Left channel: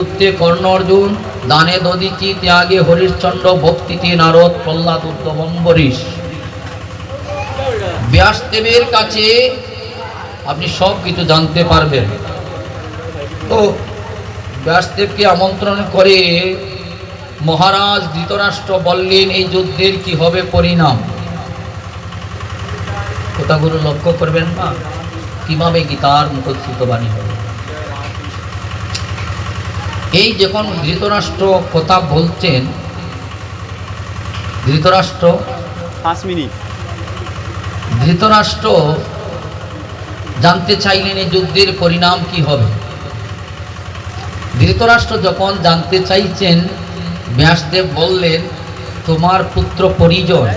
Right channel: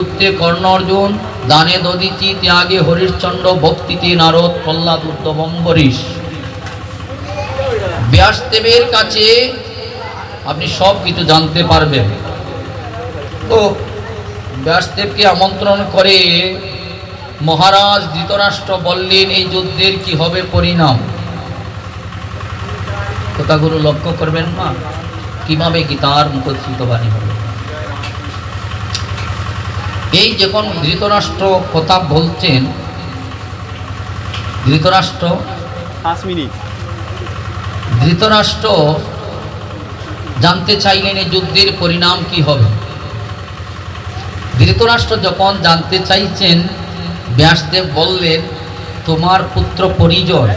কর্ণ অর্জুন, দানে দদিতি, ত্যাগে হরিশ্চন্দ্র, ভক্তিতে নারদ, প্রহ্লাদ, উদ্ধব, অম্বরীশ। ব্যাসদেবের কাছে আপনি সব কিছু জানতে পারবেন। তো ব্যাসদেবকে আমন্ত্রণ করে মহারাজ ধৃতরাষ্ট্র বললেন এই যুদ্ধের কি হবে পরিণাম। কথাগুলো লক্ষ্য করবেন না, কিভাবে গীতার মুখোচ্ছিত বাণী হবে। এই যখন ধৃতরাষ্ট্র কথা বলছেন, ধৃতরাষ্ট্র জানতে চাইলেন এই যুদ্ধের পরিণাম কি হবে। ধৃতরাষ্ট্র যখন জানতে চাইছেন, ব্যাসদেব বললেন তোমার পুত্র পরিজন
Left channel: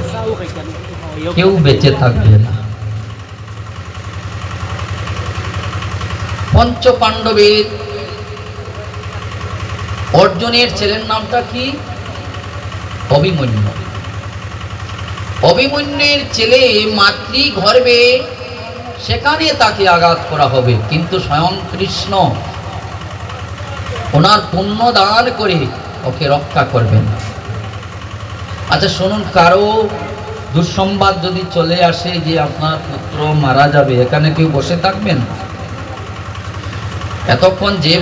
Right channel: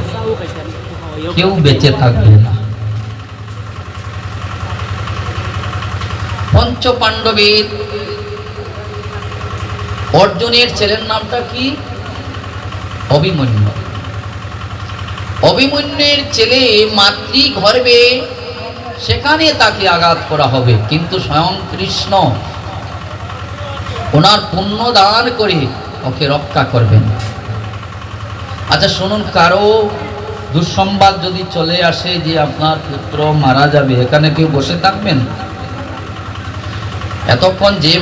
কেউ বেঁচে থাকবে না। পঞ্চ পাণ্ডবের অর্জুনের ছেলের নামটা কি? অভিমন্যু। অভিমন্যুর ছেলে মাতৃগর্ভে, সেখানে তাকে আঘাত করা হবে, কিন্তু স্বয়ং কৃষ্ণ ওনার পুণ্য দান করে ওকে রক্ষা করবেন। আচ্ছা শুনুন, কারো দুঃসংবাদ যদি চলে আসে যে আপনার পুত্র মারা যাবে, এখানে কেউ বসে থাকবেন? এতক্ষণ যে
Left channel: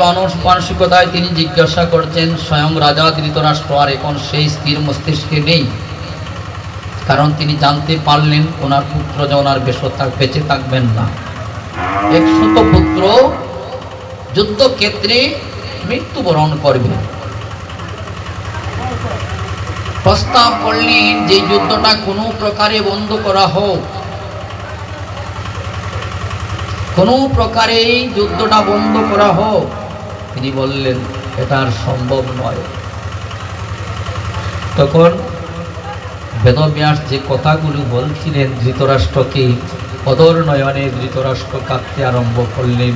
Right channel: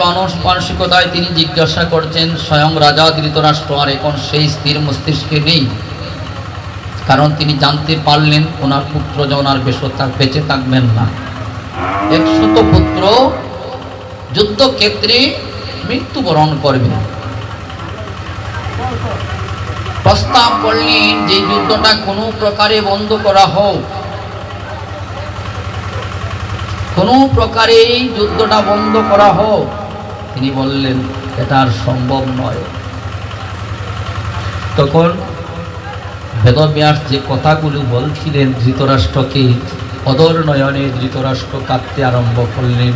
মানসিকতায় তিনি জিজ্ঞাসা করছেন, স্বয়ং রাজা ধৃতরাষ্ট্র আর এখন সেই স্থির মস্তিষ্কে নেই। কারণ তিনি জানতে পারলেন ওনার পুত্র যে ওনার বেঁচে থাকবেন না। এক সুত পুত্র যুদ্ধক্ষেত্রে মৃত্যুবরণ করবে। প্রস্তাব করলেন যে যুদ্ধটা কোনো প্রকারে বন্ধ করা হোক, কোনো প্রকারে যুদ্ধটা বন্ধ করা হোক। তিনি বললেন এটা আর সম্ভব নয়। তখন বেদব্যাস যে কথাগুলো বলছিলেন ধৃতরাষ্ট্রকে, অদর নয়নে ধৃতরাষ্ট্র কাঁদতে আরম্ভ করলেন।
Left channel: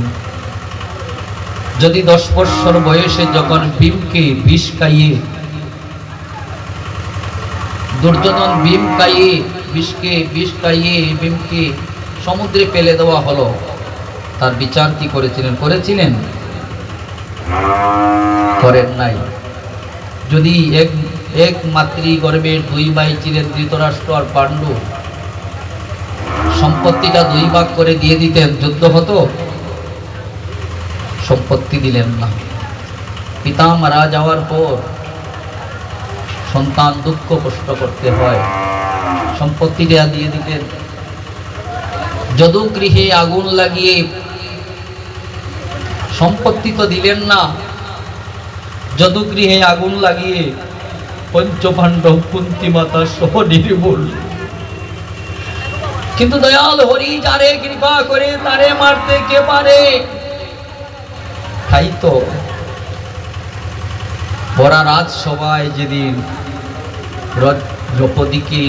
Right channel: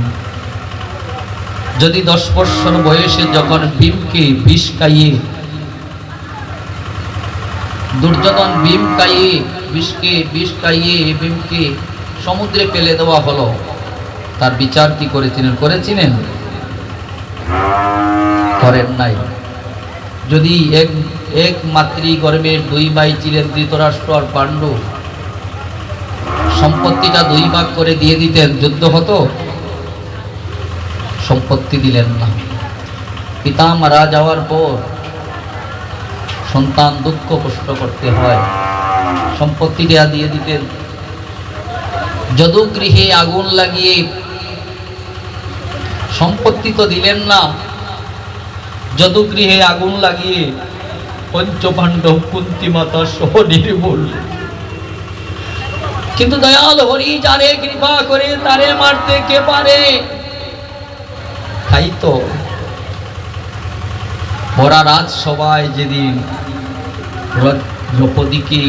যদি 10 বছর বয়সে যখন ভীমকে বিষ খাইয়ে, দুর্যোধন ভীম খাইয়ে বিষ খাইয়ে ভীমকে সমুদ্রে ফেলে দেওয়া হলো, তার বিচার কি করেছিলেন? করেন নাই। যদি এক মাতৃগর্ভের 2 ভাই ছিলেন ধৃতরাষ্ট্র আর পাণ্ডু, সম্পত্তিটা 2 ভাগ করে দিয়ে দিতেন, যুদ্ধ হতো? সম্পত্তি দিলেন না। পিতা মারা যাওয়ার পর সন্তান দুঃখ কষ্ট করতে হয়, সম্পত্তিটা দিয়ে দিতেন। যদুগৃহে আগুন লাগিয়ে সম্পত্তি তো দিলেন না, যদুগৃহে আগুন লাগিয়ে পঞ্চপাণ্ডব কুন্তী মাতা সহ নির্মূল। কিন্তু দয়াল হরি যারে কৃপা করে তারে মারতে কে পারে? তাই তো ওরা রাজসভায় যেদিন দ্রৌপদীকে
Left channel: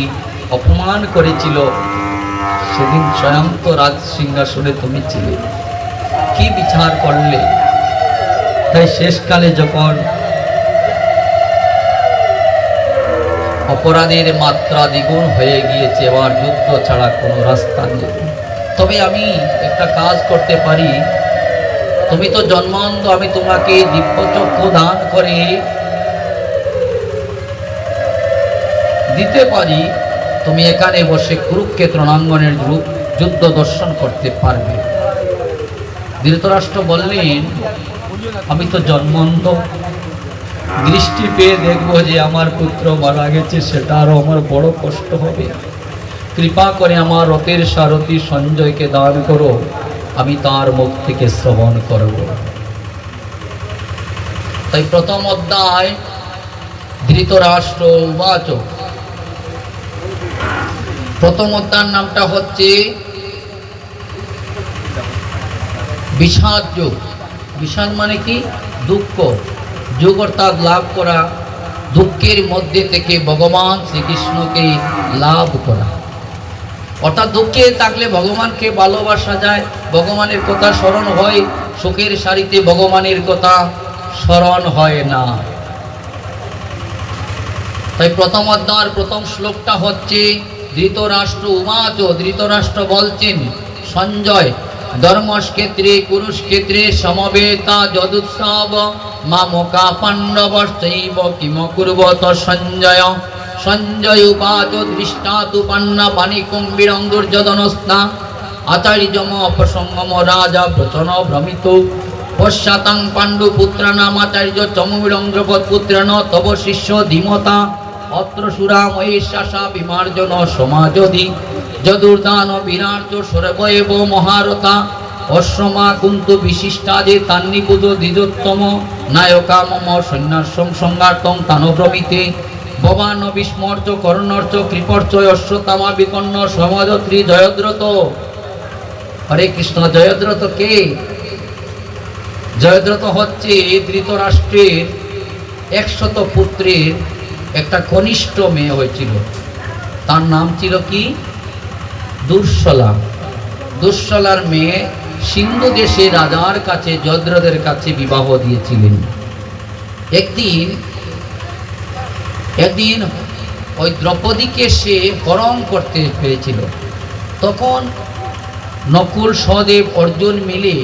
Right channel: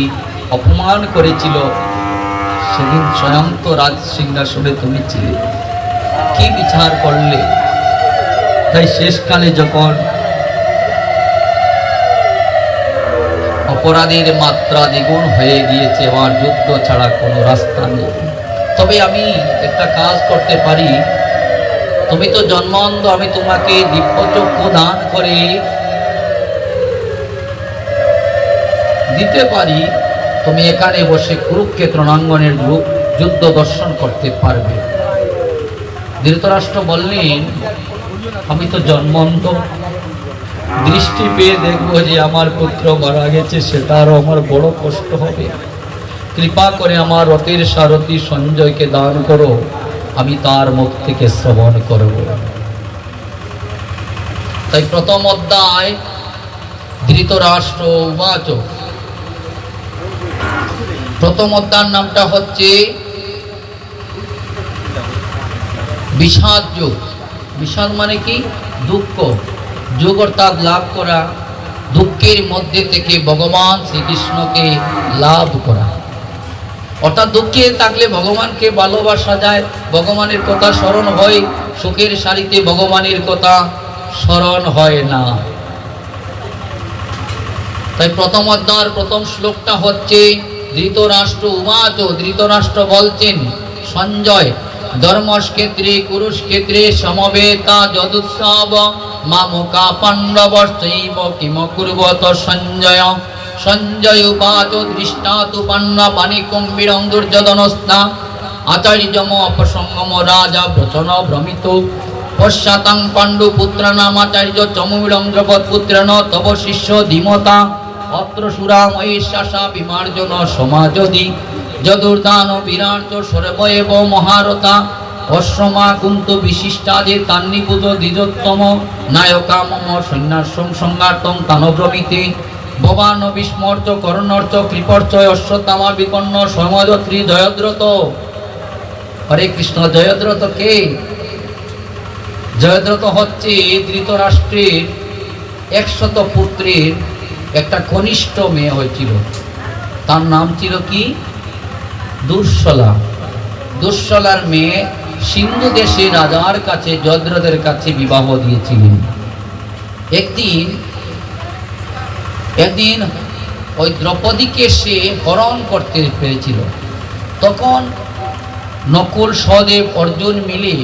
অপমান করেছিল, সেদিন স্বয়ং তো রাজ সিংহাসনে তুমি ছিলে, কি বিচার করলে? তাই শেষকালে যখন অপরাধের মাত্রা দ্বিগুণ হয়ে গিয়েছে, আবার যুদ্ধ ছাড়া কোনো রাস্তা নেই, তবে আমি একটা কাজ করতে পারি। তুমি তো জন্মান্ধ, আমি তোমাকে দিব্যচক্ষু দান করে দিতে পারি। তুমি এখানে বসে কুরুক্ষেত্র রণাঙ্গনের যুদ্ধ দর্শন করতে পারবে। ধৃতরাষ্ট্র বললেন আমি তো জন্মান্ধ, দৃষ্টি পেয়ে দেখবো যে আমার পুত্র মারা গেছে, সেটা আরো আমার বড় কষ্ট হবে। কৃপা করে আমার রথের সারথি সঞ্জয়কে দান করো, আমি তার মুখ থেকে শ্রবণ করব। তাই প্রথম অধ্যায় ধৃতরাষ্ট্র উবাচ। প্রথম অধ্যায়ের নামটা হচ্ছে বিষাদ যোগ। বিষাদ মানে কি? দুঃখ। যোগ অর্থাৎ লাভ করা, দুঃখের মধ্যে থেকে ভগবান শ্রীকৃষ্ণকে লাভ করা। অর্থাৎ দুঃখে থাকলে ভগবানকে ভালোবাসা যায়, ভগবানের কথা স্মরণ হয়, সুখের সারিতে ভগবানের কথা স্মরণ হয় না। তাই প্রথম অধ্যায়ের প্রথম শ্লোকটা হচ্ছে ধৃতরাষ্ট্র উবাচ। ধৃতরাষ্ট্র বলছেন সঞ্জয়, ধর্মক্ষেত্রে কুরুক্ষেত্রে সমবেতা যদুৎসব মামকা পাণ্ডবশ্চৈব কিমকুর্বত সঞ্জয়। সঞ্জয় উবাচ দৃষ্টাতু পান্না পানিকুম্ভীরং দুর্যোধনস্তা। আচার্যম প্রসঙ্গম রাজা ভ্রতন ভ্রমিত। পশ্চাতাং পাণ্ডুপুত্রানামাচার্য চমুবিরং দ্রৌপদপুত্রেণ তব শিষ্য ধীমতা। অত্র সুরা মহিষাসা বিমার্জন সমাজদি। যদুর্দান বিরাট সর্বৈব মহারথা। অশ্রমা কুন্তু বিশিষ্টাদে তান্নিকুজ দ্বিজোত্তম। নায়কা মম সন্ন্যাসং সংঘাতং তানব্রমিতে। ভবান বিস্মর্চ করুণর্চ কৃপর্চ অশ্বত্থামা বিপন্ন সমাজত্রী জয়দ্রত। হরে কৃষ্ণ। জয়দ্রত কে? জয়দ্রত হচ্ছে ধৃতরাষ্ট্রের 100 পুত্রের একটা কনিষ্ঠ মেয়ে হয়েছিল। তার নাম ছিল কি? দুঃশলা। দুঃশলার মেয়ে সিন্ধু দেশে রাজার কাছে জয়দ্রথের কাছে বিবাহ দিয়েছিলেন। একদিন ওই দ্রৌপদীকে সে হরণ করতে পেরেছিল। তখন নকুল সহদেব অর্জুন মিলে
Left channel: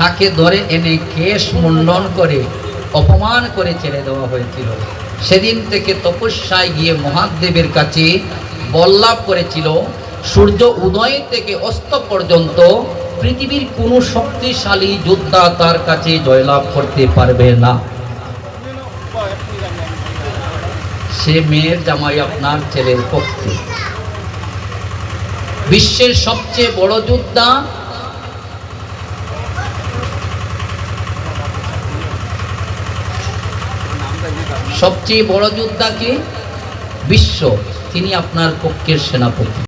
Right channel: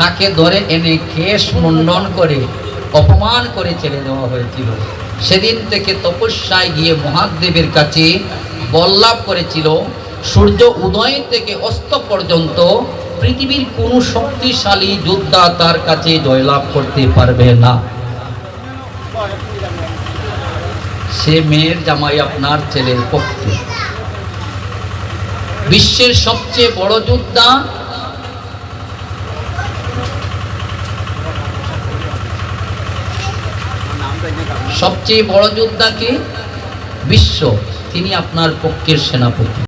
তাকে ধরে এনে কেশ মুন্ডন করে অপমান করে ছেড়ে দেওয়া হয়েছিল। সেদিন থেকে তপস্যায় গিয়ে মহাদেবের কাছে বর লাভ করেছিল। সূর্য উদয় থেকে অস্ত পর্যন্ত পৃথিবীর কোনো শক্তিশালী যোদ্ধা তার কাছে জয়লাভ করতে পারবে না। সে মেয়ের জামাই আপনার ছেলের পক্ষে। বিশ্বের সবচেয়ে বড় যোদ্ধা সবচেয়ে বড় যোদ্ধা কে? বিশ্ব। তিনি আপনার পক্ষের সেনাপতি।